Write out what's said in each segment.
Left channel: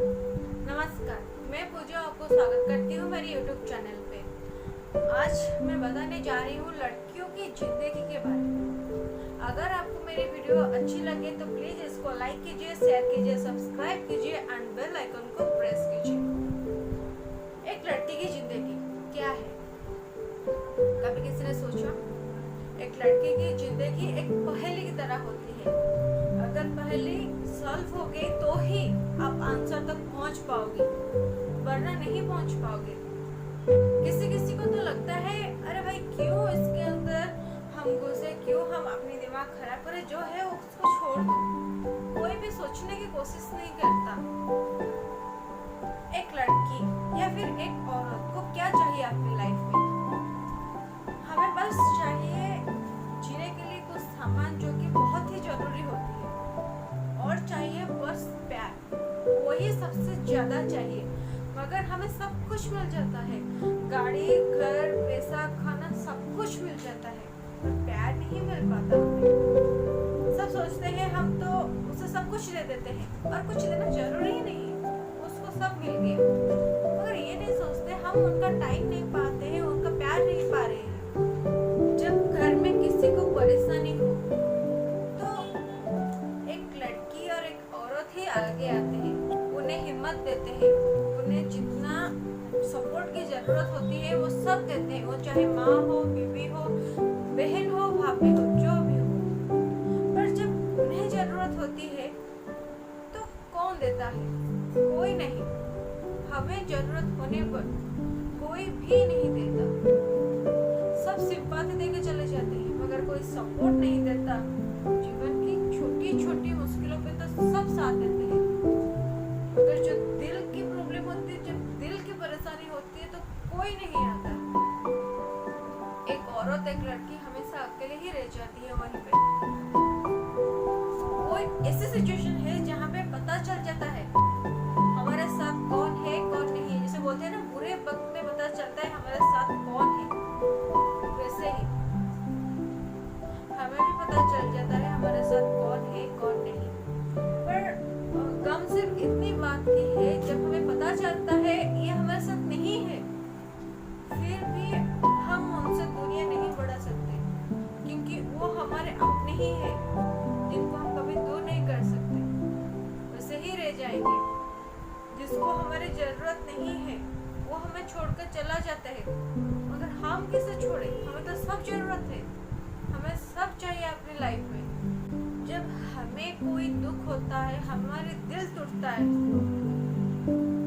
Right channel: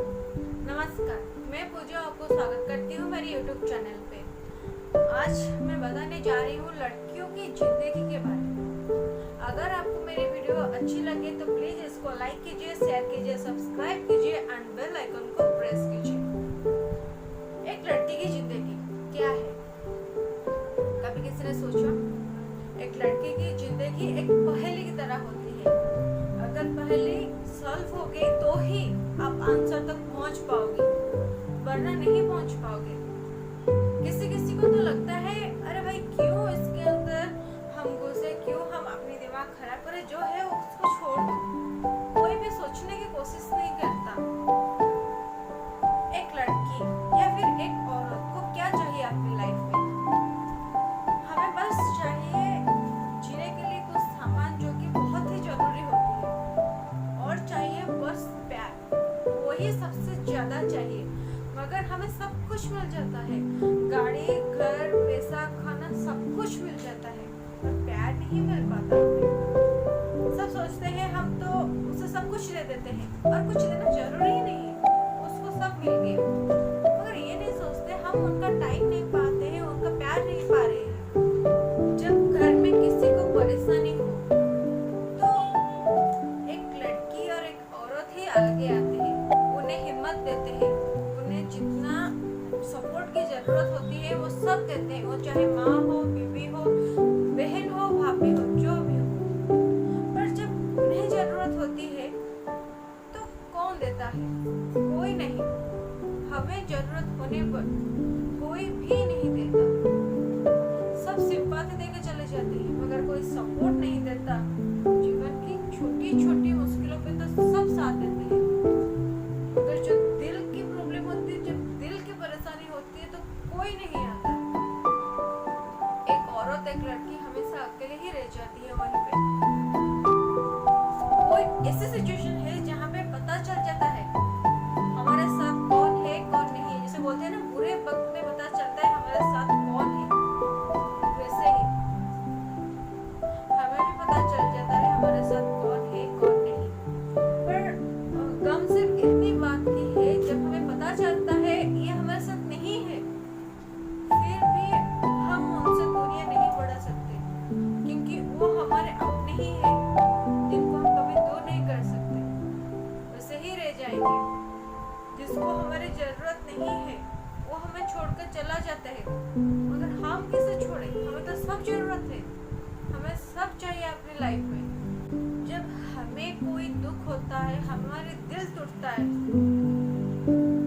नमस्कार, मैं पूजा आपको स्वागत करती हूँ मेरे YouTube चैनल पे। आज मैं बताने जा रही हूँ लड़कियों की जिंदगी के बारे में। अगर आपको मेरी वीडियो अच्छी लगे तो प्लीज इसको लाइक कीजिए, शेयर कीजिए, सब्सक्राइब कीजिए एंड बेल आइकन को प्रेस कीजिए। एक लड़की की जिंदगी क्या है, कभी किसी ने सोचा? एक लड़की की जिंदगी एक पहेली की तरह होती है। अगर पहेली सॉल्व हो गई तो ही आप आंसर तक पहुंच पाओगे, वरना नहीं पहुंच पाओगे। किसी किसी को तो लगता है अरे भाई क्यों इसके अंदर हम घुसे, क्यों हम अपनी दिमाग खराब करें, जो है उसको छोड़ दो। कोई भी सोचने की कोशिश नहीं करता। एक लड़की या फिर एक औरत को क्या चाहिए अपनी लाइफ में? हमें बस चाहिए जीने के लिए कुछ सामान जो कि बहुत ही जरूरी होती है, और चाहिए बस प्यार, वही सबसे ज्यादा चाहिए। मगर हमें सब कुछ मिल जाता है, गाड़ी, घर, पैसा, खाना, सब कुछ मिल जाता है, पर प्यार नहीं मिल पाता हमें। सब सोचते हैं हम तो उसे सब कुछ दे देते हैं, और कुछ देना जरूरी ही नहीं है, उसको सब मिल गया। मगर ये नहीं सोचते हम उनका टाइम नहीं पाते हैं, उनका प्यार नहीं पा रहे हैं। जब घर में किसी को परेशानी हो तो एक लड़की और एक औरत ही आगे आते हैं, उन्हें हिम्मत देते हैं, उन्हें जितना सपोर्ट की जरूरत होती है वो सब देते हैं। वो चाहे माँ हो, बीवी हो, बहन हो, भाभी हो, जो भी हो। पर जब उन्हें जरूरत होती है तो कौन देता है? कोई नहीं। हमें जरूरत होने पर कोई भी नहीं देता। सब सिंपैथी देके चले जाते हैं, मगर कोई सपोर्ट नहीं देता। जीवन की छोटी छोटी मुश्किलों पे तो सब साथ देते हैं, मगर जो दिल की प्रॉब्लम होती है, जब दिल की परेशानी होती है तो कोई नहीं आता। एक औरत, एक लड़की हमेशा अकेले ही रह जाती है वहीं पे। कोई ऐसी सिचुएशन है जहाँ पे पता चल जाता है हमारे साथ कौन है कौन नहीं है। जैसे बोलते हैं ना, बुरे वक्त में पता चलता है हमारे साथ कौन है, वैसे ही हमें भी पता चल जाता है हमारे साथ कौन है कौन नहीं। पर गम सिर्फ इतनी बात की है, जब हमें पता चलता है ये हमारे साथ नहीं है, फिर भी हम उनसे दूरियां नहीं बढ़ा सकते, क्योंकि वो हमारे अपने ही है, जिनको हम कभी दूर नहीं कर सकते। वैसे ही रह जाएंगे। जिसको हमारी जरूरत नहीं है वो हमें छोड़कर चला जाता है, मगर हम किसे छोड़े? हमें तो सब जरूरत है, हमें सब चाहिए अपनी लाइफ में। जब हमें कोई दुख होता है, हमारे दिल टूटता है,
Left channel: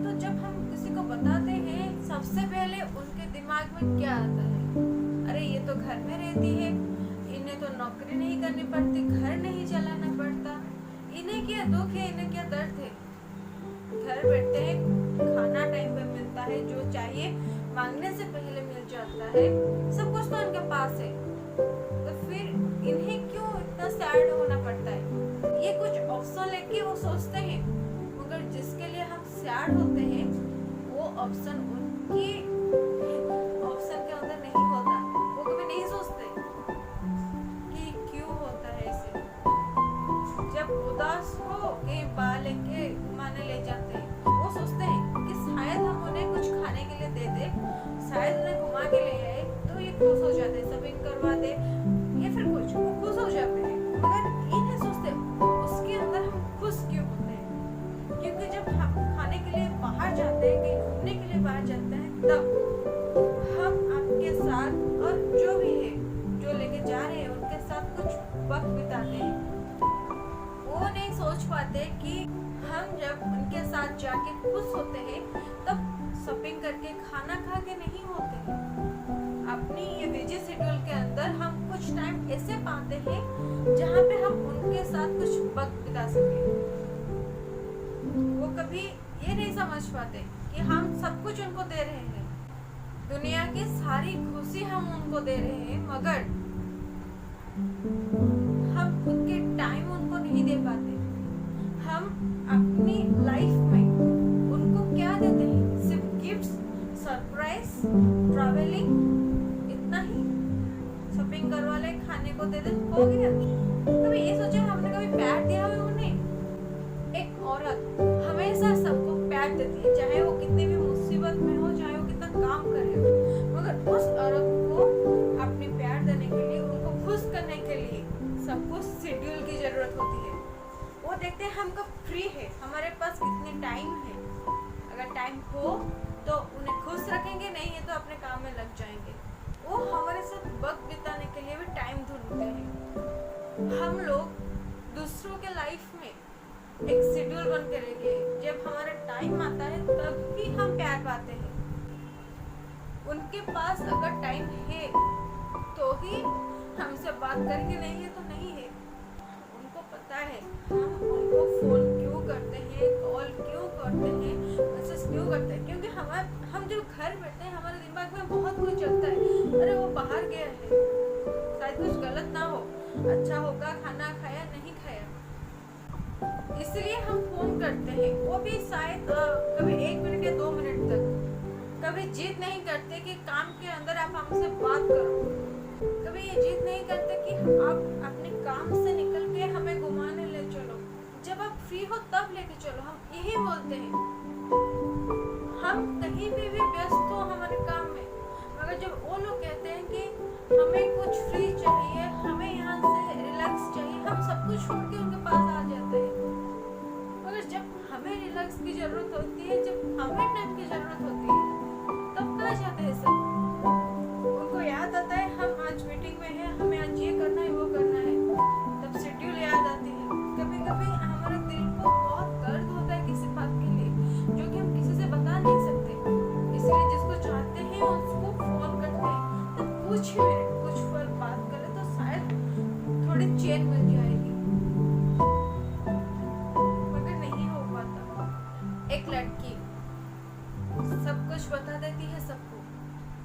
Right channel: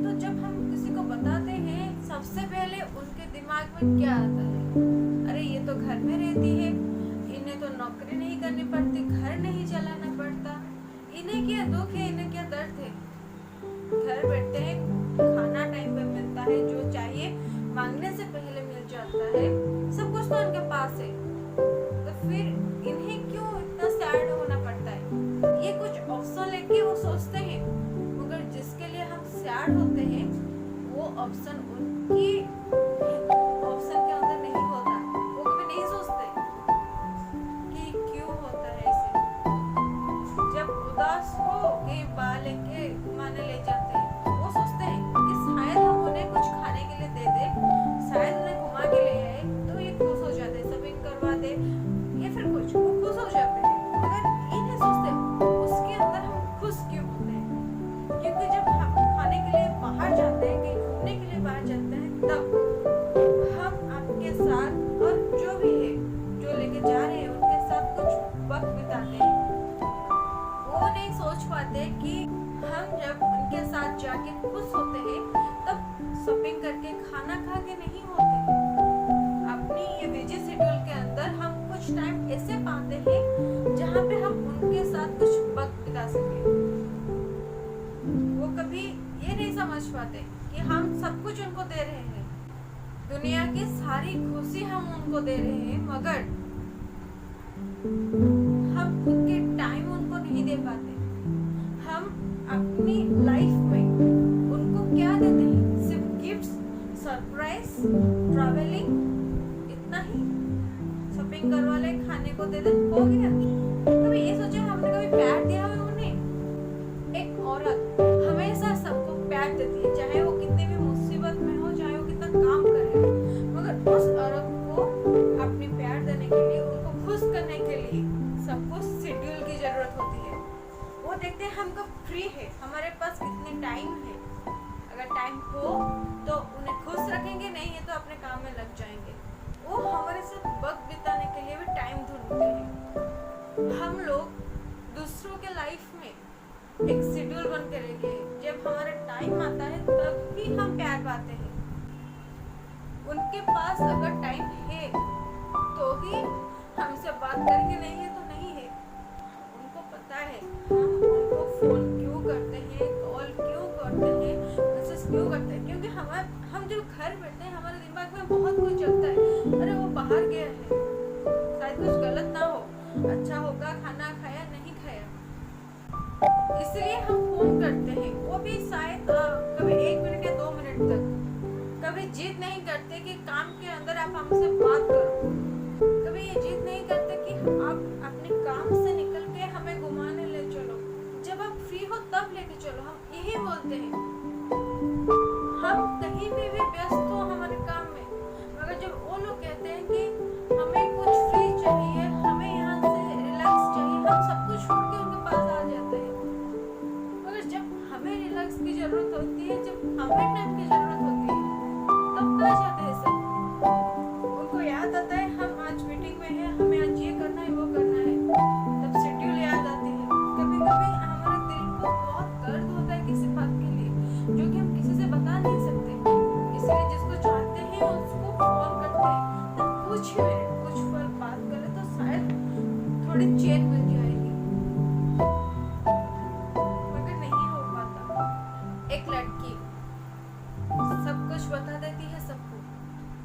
तो जब हम किसी को बताते हैं सबसे पहले उनके दिमाग में क्या आता है? अरे ये तो घर में रहती है, इन्हें तो नौकरी नहीं करनी पड़ती, घर नहीं चलाना पड़ता, इन्हें क्या दुख है, इन्हें क्या दर्द है। घर बैठते हैं, खाना टाइम पे मिलता है, जो चाहिए मांगने से पहले मिल जाता है, सब कुछ तो उनके पास है, तो फिर इन्हें क्यों इतना सैड होना पड़ता है? ये कुछ ऑप्शन लेके वो सोचते हैं, मगर जिसके लिए हम सैड होते हैं वो ऑप्शन उनकी ऑप्शन के अंदर नहीं होता। वो कभी नहीं सोचते कि क्यों होता है ऐसे। जब उदास हो के बाल लेके घुमाने ले जाते हैं, वो सोचते हैं कि शायद हम उन्हें कुछ खाने के लिए दे दे, शायद उन्हें घुमा के ले आए तो ये खुश हो जाते, शॉपिंग करवा दे या फिर कुछ, वो खुश हो जाते हैं। मगर ये नहीं सोचते उसके अंदर हम खुश क्यों होते हैं, क्योंकि जब हम खाने के लिए बाहर जाते हैं, कहीं घूमने के लिए बाहर जाते हैं, तब हम आपके साथ और जो भी है, जो लेके जा रहे हैं उनके साथ कुछ वक्त बिताते हैं। वो नहीं सोच पाते कि हम जब उनके साथ जाके खुश होते हैं तब शॉपिंग करके, खाना खा के नहीं होते हैं। अपनी ये बिजी शेड्यूल के अंदर हम कुछ टाइम ऐसे पाते हैं जहाँ पे हम उनके साथ कुछ वक्त बिता सके। वो कभी ये नहीं समझ पाते कि हम सब कुछ उनको दे रहे हैं, दुनिया की सारी खुशी हम उनको दे रहे हैं, मगर हम खुद के टाइम उनको नहीं दे पाते। हम अपनी लाइफ में उनको क्या देते हैं? सिर्फ गिफ्ट्स, सरप्राइज, ट्रैवलिंग, इतना ही। शॉपिंग करवा ले, खाने को दे दे, हो गया। कभी ये सोचे हमने कभी प्यार दिया है उन्हें? एक औरत हमेशा सबको देती है, चाहे वो कितनी भी मुसीबत में हो, चाहे वो कितना काम करे हो, मगर उस औरत को अपनी प्यार देने के लिए, उनको खुश करने के लिए सबको शेड्यूल की जरूरत होती है। वो देखते हैं हम कब फ्री है, हमारे पास कितने टाइम है। अगर टाइम हो तो उन्हें खुश रखेंगे, नहीं है तो अपने काम में लग जाएंगे। वो हमारे साथ वक्त बिताने के लिए भी टाइम ढूंढते हैं। हम लोग दूसरों के लाइफ में एक शेड्यूल बन के रह गए। जब हमारा टाइम आता है तब ही हम प्यार पाते हैं। उनके पास अगर टाइम है तो ही हमसे बात करेंगे, नहीं है तो नहीं है। उनको पता है हम उनको फोन क्यों करते हैं, कॉल क्यों करते हैं, मैसेज क्यों करते हैं, क्योंकि हम जब घर बैठते हैं हमारे दिमाग में बहुत कुछ चलता है। अरे वो बाहर गया है, शायद कुछ गलत ना हो, अच्छा होगा, खाना खाया नहीं खाया, इसलिए हम फोन करते हैं। वो भी शायद कभी 1 मिनट या 2 मिनट तक। कभी जिद नहीं करते कि काम के अंदर आप हमसे बात करो, कभी ये जिद नहीं करते कि आप अपने काम से निकल के हमें घुमाने ले चलो, जब आप फ्री हो तब लेके चलो। हम यही बोलते हैं। हम कहीं पे भी व्यस्त हो हमारे काम में, मगर जब वो लोग कहते हैं कि हमें कुछ फ्री चाहिए, हमें यहाँ से रिलैक्स चाहिए, हम सब कुछ छोड़ के उनके पास आ जाते हैं। मगर जब हमें रिलैक्स की जरूरत होती है, जब हमें टाइम की जरूरत होती है, तब कहाँ जाते हैं सब। उनको याद आता है हम आज मीटिंग में हैं, हमें आज ये करना है, वो करना है, तब शेड्यूल याद आती है। कभी कभी हमारे दिल को बहुत दर्द होता है किसी बात के लिए, जो कि हम किसी से बता नहीं सकते, इसलिए जिसको चाहते हैं उसको फोन करते हैं। तब कुछ मिनट, कुछ पल बात करें तो शायद थोड़ी चैन मिल जाएगी, मगर नहीं हो पाता। एक लड़की सब कुछ बता देती है सबको,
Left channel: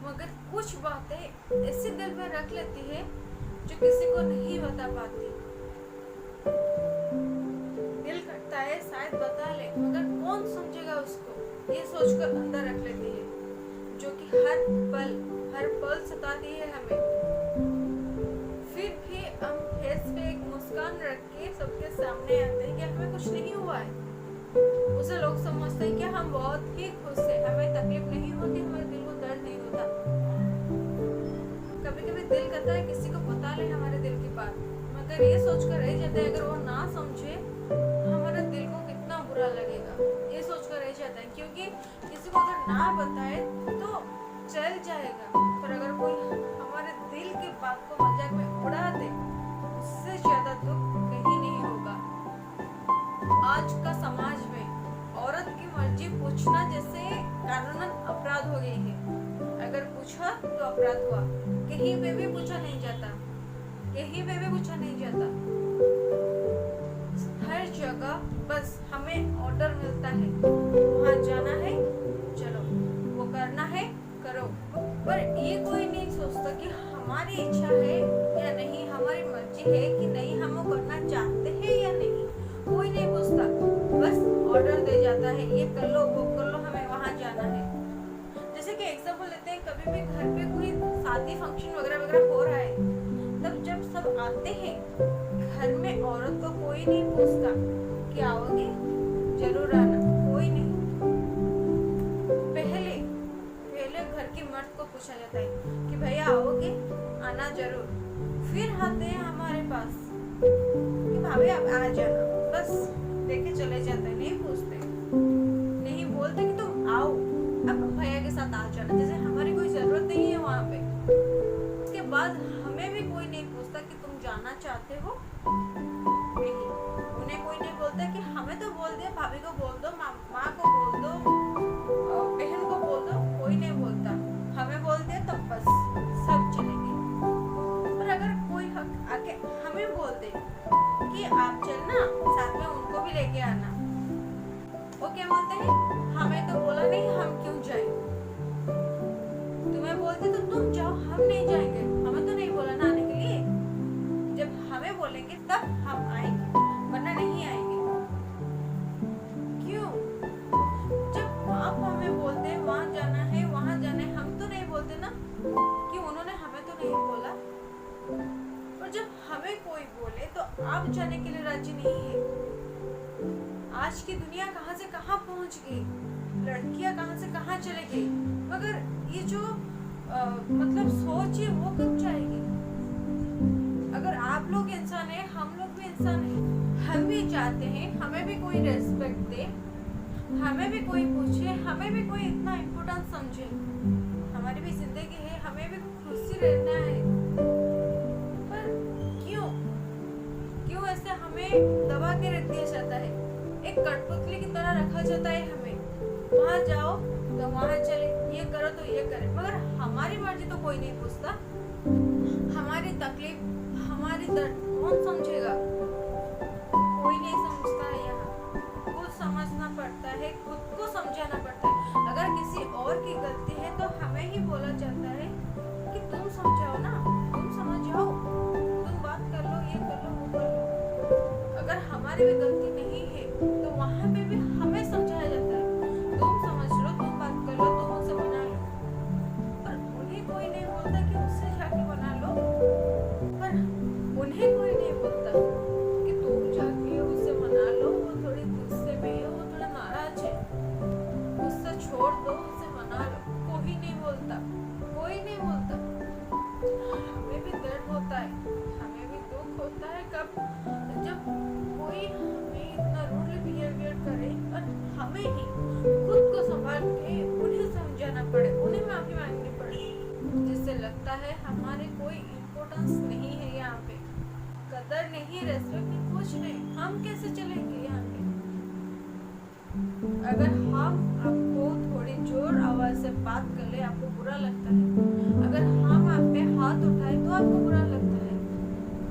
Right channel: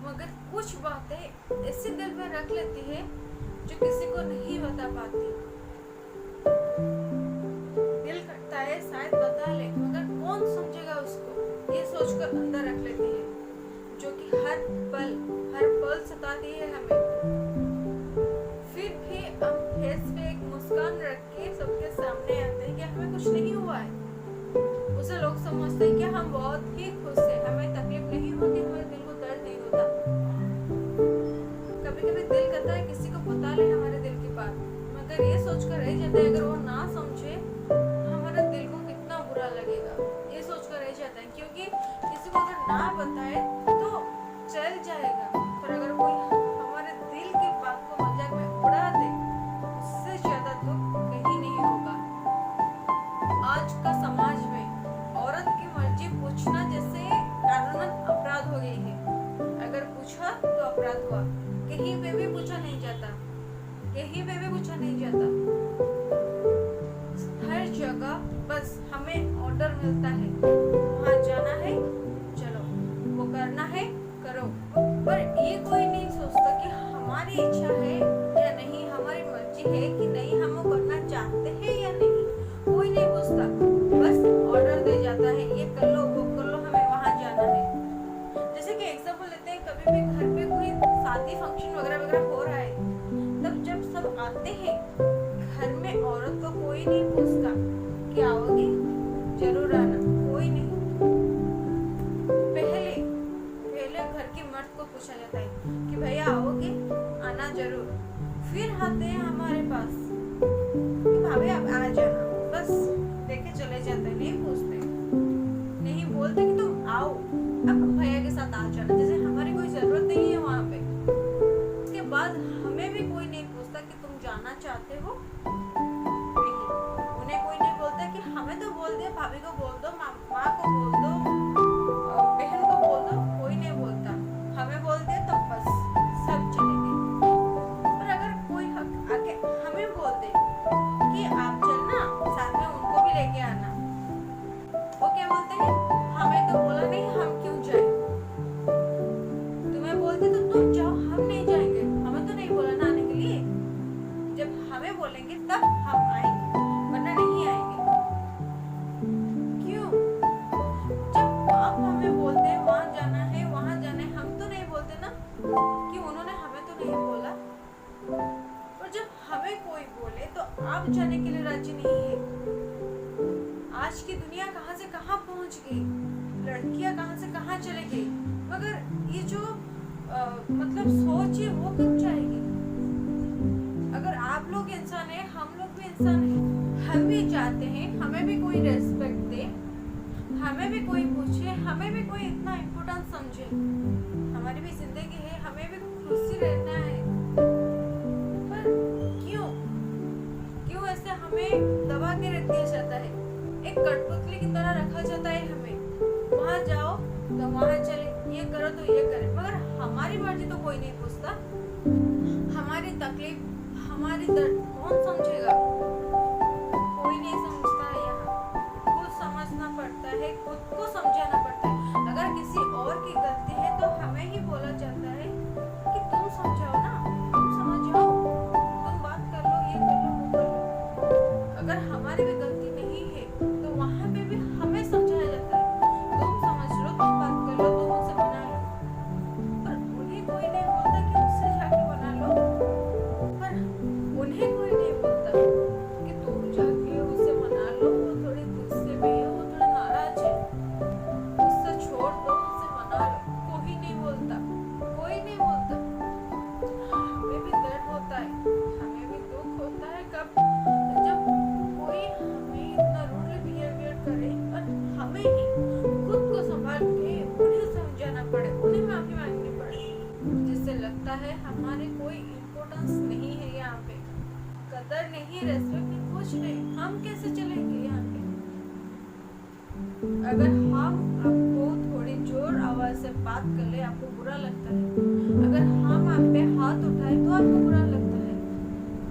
मगर कुछ बातें ऐसे दिल में रख लेती है जो किसी को नहीं बता पाती। दिल करता है शायद बता ले, मगर कौन समझेगा उसको, ये सोचकर अंदर रख लेती है, जो कि हर पल सताती है हमें। फिर भी हम फेस पे एक मुस्कान रख के सबके सामने आते हैं कि हमें कुछ नहीं हुआ है। उसे लोग समझते हैं कि हम बहुत ही खुश हैं, हमें तकलीफ नहीं होती, हमारे दिल को दर्द नहीं होता। कभी कभी दिल करता है किसी को बता ले हमारे दिल की बात, मगर ये सोचकर रह जाता है अगर वो ना समझे हमारे दिल को कितना बुरा लगेगा, ये सोचकर रह जाता है। क्योंकि किसी को अगर ना बताए तो चल जाएगा, पर अगर कोई हमारे दिल की बात को मजाक में उड़ा दे, उससे ज्यादा दुख कहीं नहीं होगा। आज का समाज में औरत की मर्जी पूछना जैसे कानूनन अपराध हो गई है। अगर पूछा तो अपराध हुआ, कहीं पे भी पूछा नहीं जाता, कहीं पे भी पूछा नहीं जाता। हर जगह बस हमें ऑर्डर मिलता है, वहाँ जाना है चलो, वो करना है करो, पर ये कोई नहीं सोचता कि हमारी इच्छा है या नहीं, हमारी मर्जी है कि नहीं, हम वो करना चाहते हैं या नहीं, कोई नहीं पूछता। बस ऑर्डर दे जाता है, ये कर लो, वो कर लो, हमें वहाँ जाना है। जैसे कि एग्जाम्पल लेते हैं, कभी भी घर पे कोई शादी फंक्शन वगैरह वगैरह हो रहा है, तब जब सब आते हैं घर में औरत को कोई नहीं पूछता कि आओगी, जरूर आना, कोई नहीं। पहले घर की मर्द को पूछा जाता है कि भैया आओगे, आना जरूर। फिर आते हैं हमारे पास कि भाभी आप आ जाना, बस देखे चले जाते हैं, नहीं पूछते, नहीं बोलते कि तुम आओ, अब भैया के साथ आ जाना, जैसे हमारी कोई जरूरत नहीं है वहाँ पे। उसके बाद हमें भी कोई नहीं पूछता कि तुम जाना चाहते हो, नहीं, उन्हें कोई नहीं बोलता कि हमें तो बोल दिया, भाभी को बोल दो, माँ को बोल दो, बहन को बोल दो, कोई नहीं बोलता। हमें बोल दिया तो बस सब चलेंगे। पर अगर कोई आके हमें बोल दे कि आप चलना, साथ में उनको भी लेके आना, वो क्या बोलते हैं, हमें तो बोला नहीं, हम क्यों जाए, तुम्हें बोलते तो तुम जाओ, हम नहीं जाएंगे, हमें तो नहीं बोला ना आने के लिए, जब हमें बोलेंगे तब हम आएंगे, वरना नहीं आएंगे। क्यों? जब आप हमें बोलते हैं वहाँ जाना है, वहाँ जाना है, हम तो नहीं बोलते ना कि उन्होंने हमें तो नहीं बोला। और जब हमें कोई बोले तो आप जाने के लिए राजी नहीं है। आज की दुनिया कहाँ से कहाँ पहुँच गई। लड़कियां कहाँ से कहाँ चले गई, मगर ये जो मतलब सोच है वो कब जाएगी। अगर आप लोग इंसान है, हम लोग भी इंसान है, हम भी चाहते हैं हमें भी कोई रेस्पेक्ट दे, हमें भी कोई पूछे, हमें भी कोई इतना इम्पोर्टेंट समझे। हमारी भी जिंदगी है, हमें भी खुशी रहना है, पर क्यों ऐसे हमें दबा के रख दिया जाता है, एक कठपुतली की तरह रखा जाता है हमें। वहाँ जाओ तो वहाँ चले, ये करो तो ये करे, मगर हमारी मर्जी तो कोई नहीं पूछता। हमारी तकलीफ, हमारी दर्द कौन समझेगा, कोई नहीं समझता है। यहाँ खुद समझना पड़ता है, खुद को समझाना पड़ता है। अगर किसी और की गलती है तो हमें ही बोला जाता है कि तुम समझाओ ना, तुम समझ जाओ, तुम बात कर लो, ये कर लो, वो कर लो। अगर हमारी भी गलती नहीं है तो वहाँ पे भी हमें समझाया जाता है, तुम समझ लो, तुम बात कर लो, तुम उसे मना लो। पर उन्हें कोई नहीं बोलता कि उससे जाके मना लो, पर उन्हें कोई नहीं बोलता कि तुम जाके उससे मना लो, वो थोड़ी गुस्से में है, वो थोड़ा नाराज है, उससे छोड़ दो, उससे मना लो। कोई नहीं बोलता, कोई नहीं बोलता। हमें भी दर्द होता है, हमें भी दुख होता है कब जब कोई हमें इतना रूडली बिहेवियर करे और हमें ही खुद को संभाल के उन्हें समझाना पड़े, उन्हें माफी मांगनी पड़े, जिससे लगता है हमारे कोई इम्पोर्टेंस नहीं है यहाँ पे, कदर नहीं, रेस्पेक्ट नहीं, कुछ नहीं। हम कैसे चलेंगे यहाँ पे? अगर हम आपको थोड़ी जोर आवाज से बात कर ले आपको बुरा लगता है, अगर हम आप पे हाथ उठाए तो आपको बुरा लगता है,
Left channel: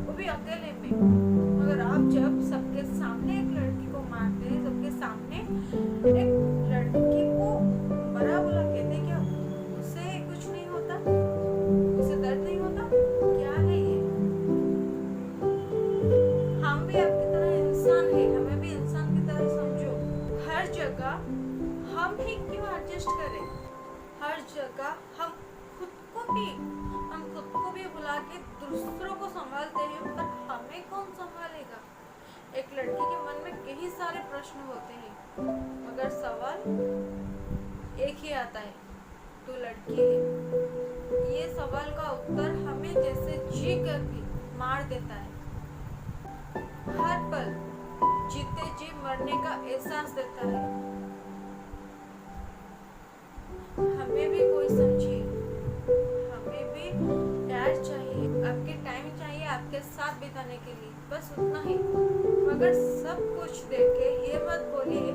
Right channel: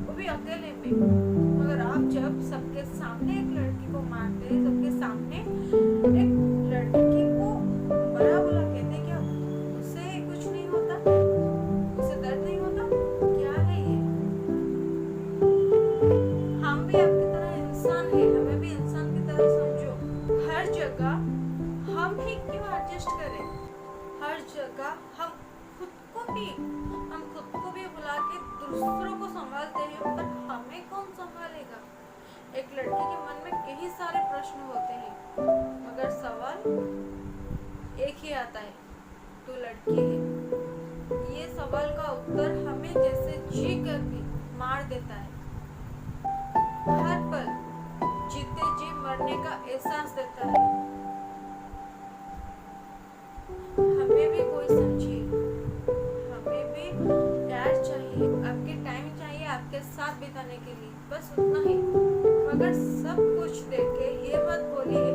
वो भी अकेले में। मगर आप जब सबके सामने एक लड़की को मारते हैं, सबके सामने एक लड़की को बड़ा बुला कहते हैं, क्या उससे कुछ नहीं होता, उसे दर्द नहीं होता? क्या है ये? हम भी आपकी तरह इंसान है, हमें भी इंसान की तरह समझो। हर जगह हम ही क्यों एडजस्ट करें? हर जगह हम खुद को भी बुला के दूसरों को संभालते हैं, पर हमें कौन संभालेगा? एक लड़की के मन में कई सारे प्रश्न होते हैं, मगर सवाल एक ही आता है, तू लड़की है। ये सवाल का उत्तर हमें जैसे जी कर भी मार देता है, हर पल जीते जी मरने का एहसास देता है। हमें भी कोई समझे, हमें भी प्यार चाहिए, आपके टाइम चाहिए आपके साथ बिताने के लिए, बस उतना ही। मगर सब कुछ देके ये मत बोलिए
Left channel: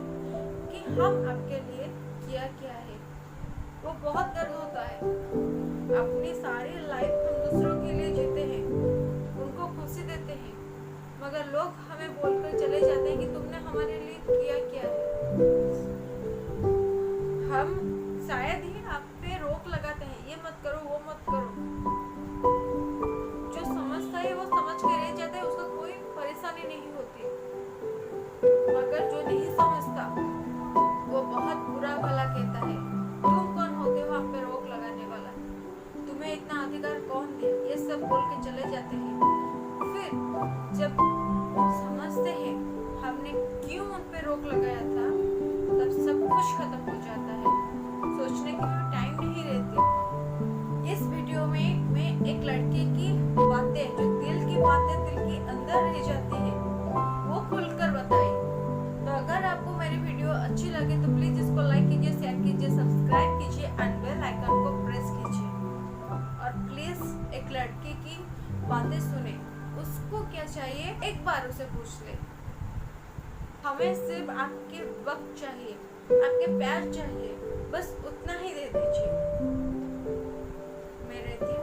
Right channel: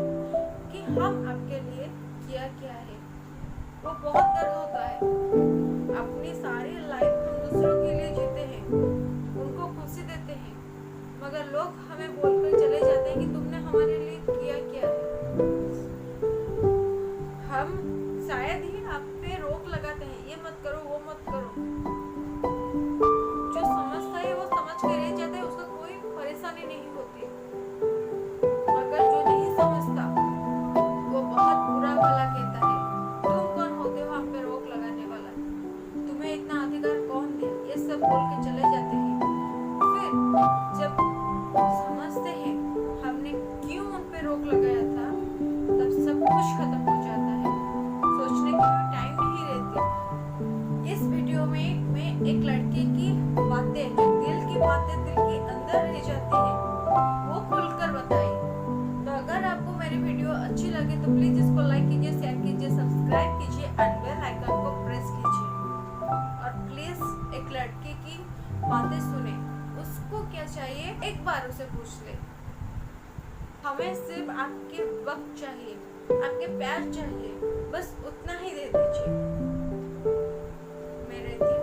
कि हम आपके लिए किया क्या है, वो बहुत दर्द होता है। अपनी सारी लाइफ हम दूसरों के लिए जीते हैं, उनको खुशी देते हैं, मगर लोग हमें बोलकर चले जाते हैं कि तुमने हमारे लिए किया क्या है। हम शायद ही आप पे रोक लगाते हैं, ये मत करो, वो मत करो। जो समझता है वो समझ के रह जाता है, उसका कोई परेशानी नहीं होती। मगर जो नहीं समझता वो बहुत बुरा भला कहता है, तुम कौन होते हो आप पे रोक लगाने वाला, तुम्हें इतना अधिकार कौन दिया, ये सब बोल के चले जाते हैं। फिर जब समझते हैं हमने क्यों उन पे रोक लगाया था, तब सब कुछ खत्म हो जाता है, सोचने की भी टाइम नहीं रहती। इस वीडियो में मैं एक लड़की की बातें, जो दिल की बातें दिल के अंदर रह जाती है, वो खुलकर बताई। तो अगर आपको मेरी वीडियो अच्छी लगे तो प्लीज इसको लाइक कीजिए, शेयर कीजिए, सब्सक्राइब कीजिए एंड बेल आइकन को प्रेस कीजिए। और प्लीज एक लड़की की बातें सुने, उसको क्या चाहिए एक बार उसे पूछ ले। हमें सिर्फ आपके वक्त चाहिए, आपके प्यार चाहिए, बस उतना ही दे दीजिए। मैं रहती हूँ